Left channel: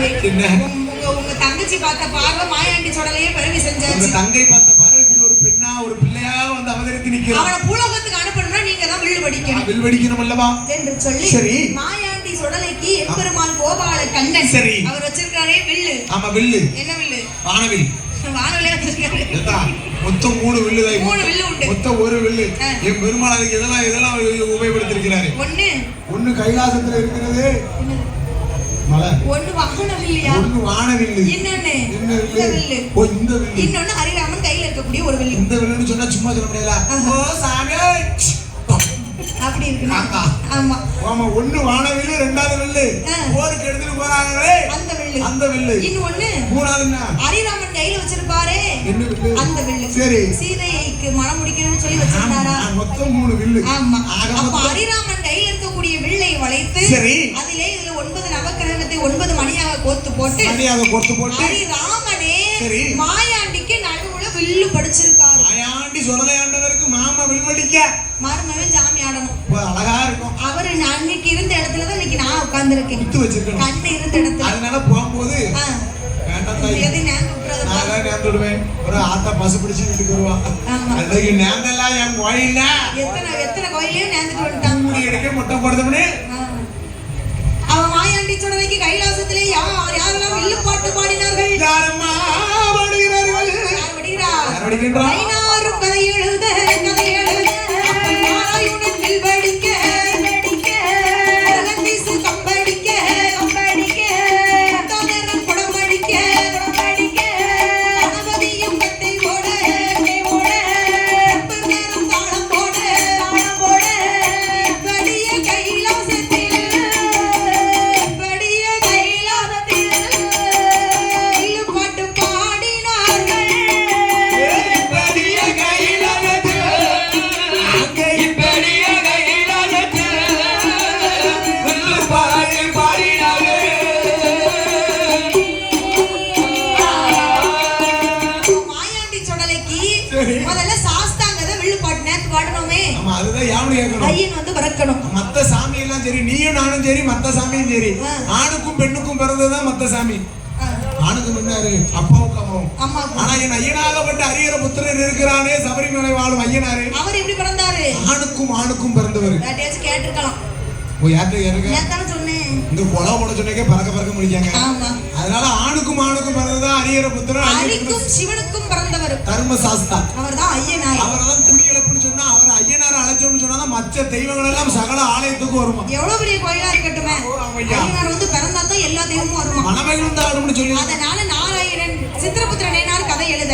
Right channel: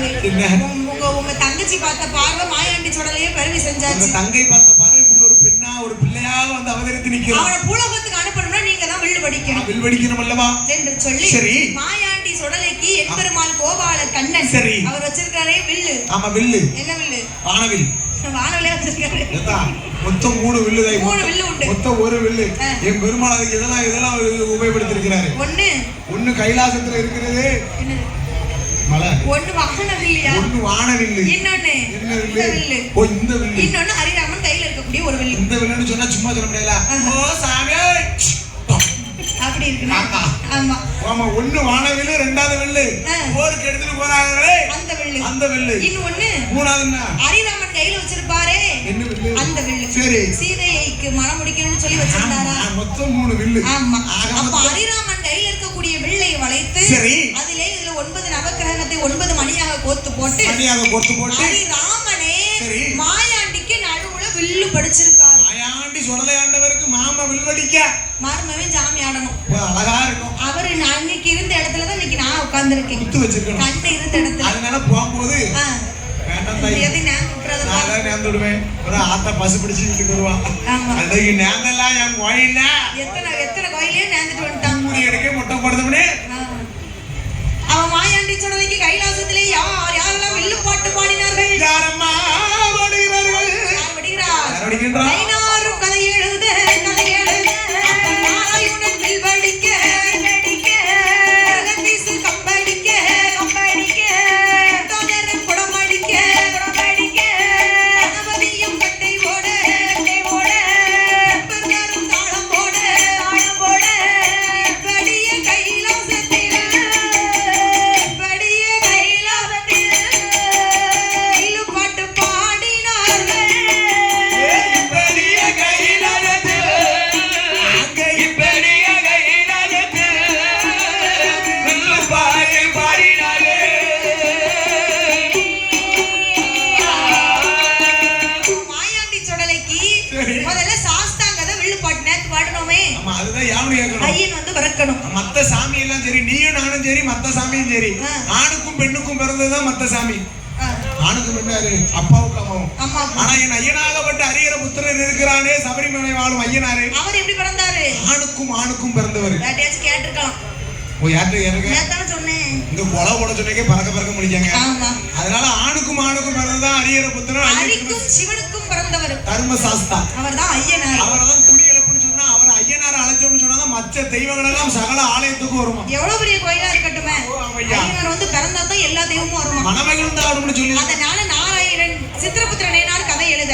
மாயை. உங்க தங்கச்சி பார்த்த பார்வை மாயாண்டி சொடலையே பெருமை செஞ்சாச்சு. உங்க தங்கை பார்த்த பார்வை இப்படி ஒரு பெண்ணா ஒரு பிள்ளையா வந்து அவதரித்து நிக்கிறா. அவளை பூலோகத்துக்கு அனுப்பணும்னா நீங்க தான் வில் வடிக்கணும். வில் வடிக்கணும் அல்லவா என்று சொல்லி சரி மாயாண்டி சொடலைக்கு எம்பெருமான் கோபால கண்ணன் சரி அவர் வச்சிருக்காரே வில்லு. ஆமா வில்லு. என்ன வில்லு? வானவில். வானவிலே வச்சிருக்காரு. மொத்தம் 3 வில்லு. 3 வில்லு உண்டு. மொத்தம் 1 வில்லு. என் பெருமாள் அதுக்கு இதெல்லாம் உபயோகப்படுத்திருக்கிறாரு. ஒன்னு கைலாசத்துல இருக்கிறது மலை. ஒன்னு வானவில்லையா? ஒன்னு வானவில்லு. இன்னொன்னு என்ன வில்லு? ஓ இந்த வில்லு. இன்னொன்னு ஹரிராமன் கையில இருக்கக்கூடிய ஒரு வில்லு. இந்த வில்லுன்னு சொன்னா சும்மா சொல்ல முடியல. ஓ சாமி அப்படி இருக்கு. ஆமா ஆமா. ஒன்னு வானவில்லு, ரெண்டாவது வில்லு போருக்கு எடுத்துட்டு போறாங்களே அந்த வில்லு. இன்னொன்னு மூணாவதுன்னா ஹரிராமன் கையில வச்சிருப்பாரே என்ன வில்லு? அந்த வில்லு. சரி சீதைக்கு மனம் முடிக்கணும்னு சொல்லி வச்சிருந்தாரா? மொத்தம் 3 வில்லு. ஆமா. அப்ப ஹரிராமன் கையில இருக்கக்கூடிய வில்லை வளைத்து அதிலே இதுல 9 நவக்கிரகத்தை 9 மணியாக கோத்து போட்டு ஹரிராமனே மாயாண்டிக்கு நடுவுல வில்லு படிச்சிருக்காரு. மாயாண்டி சொடலையாண்டவருக்கு மாமா வில் வடிக்க மறுமவே ஜாமி ஆடணும். அழகா இருக்கும். அவரு அன்னைக்கு இருந்த இடத்துல தான் இன்னைக்கு நான் உட்கார்ந்திருக்கேன். குத்து வச்சிருக்கணும். கண்ணு இருந்த இடத்துல. அதனால போகும்போது வேண்டாம் தாய். எது நான் கூப்பிடுறத நான் நேர்ந்து விடுவேன். ஒரு ஆத்தா பசு பிடிச்சு வீட்டுக்கு வருவா. அன்னைக்கு நேர்ந்தெல்லாம் என் கோயில்ல எத்தனை கோயிலே நேர்ந்துட்டு வந்துட்டான். மூடி எடுக்க மொட்டை போடுறதுனே. அவன் மாயாண்டி சொடலைக்கு கைலாசத்திலே யாரெல்லாம் வில்லு பாட்டு பாடினார்கள்? யாரம்மா பாடுகிறார்கள்? யார் படிக்கிறார்? யார் படிக்கின்றார்? ஐநாரும் கதை எழுத நாராயணன் வில் படிக்க ரங்கீசு கம்படிக்க தோழரன் குடமடிக்க கணபதியும் கட்டை போட பெருமாரும் தாளம் போட படிய கைலாசத்தில் வில்லு பாட்டு பாடினார்கள். முதல்ல சாஸ்தாங்கத வில்லு பாட்டு பாடணுமே. ஆமா அதுதான் யாவடி கேட்கணும். ஐயன் வந்து பறக்கணும். மத்த சாமி எல்லாம் சரி நீயும் நானும் சரி மத்த சாமியும் சரி ஆணுக்கும் பெண்ணுக்கும் பிறந்ததுதான் மத்த சாமி. ஆணுக்கு பெண்ணாரு அப்பாவுக்கு அம்மாவும். ஆனா என் ஐயனாகப்பட்ட அரியர புத்திரன் இருக்கிறானே சபரிமலை வாழும் ஐயனாரு அவர் எப்படி பிறந்தாரு? ஆணுக்கும் பிறந்தவர். யார்ட்டையாச்சும் கேட்டிருக்கலாம். ஓ யார்கிட்ட எனக்கு நான் சொன்னேன். இங்க கொலை போட சொன்னே பறக்க முடிச்சாங்க. அதனால ஆணுக்கும் பிறந்ததான் அரியர புத்திரன். ஹரிக்கும் சிவனுக்கும் பிறந்தவர் தர்மசாஸ்தா. அவர்தான் ஐயனார். அவர்தான் குடிகளப்புன்னு சொன்னா அவர் ஐயனார அழைச்சோம்னு சொன்னா மற்ற தெய்வங்கள் எல்லாம் சகல ஆலயத்துக்கு வருமா. எவ்வளவு பெரிய கோயிலா இருக்கட்டுமே ஐயனார் வந்து பிறந்தா தான் எல்லா தெய்வமும் வருமா. மணமகளும் தான் வரும்னு சொல்லி அதனால நாராயணன் சித்திரபுத்திரன் கதை எழுத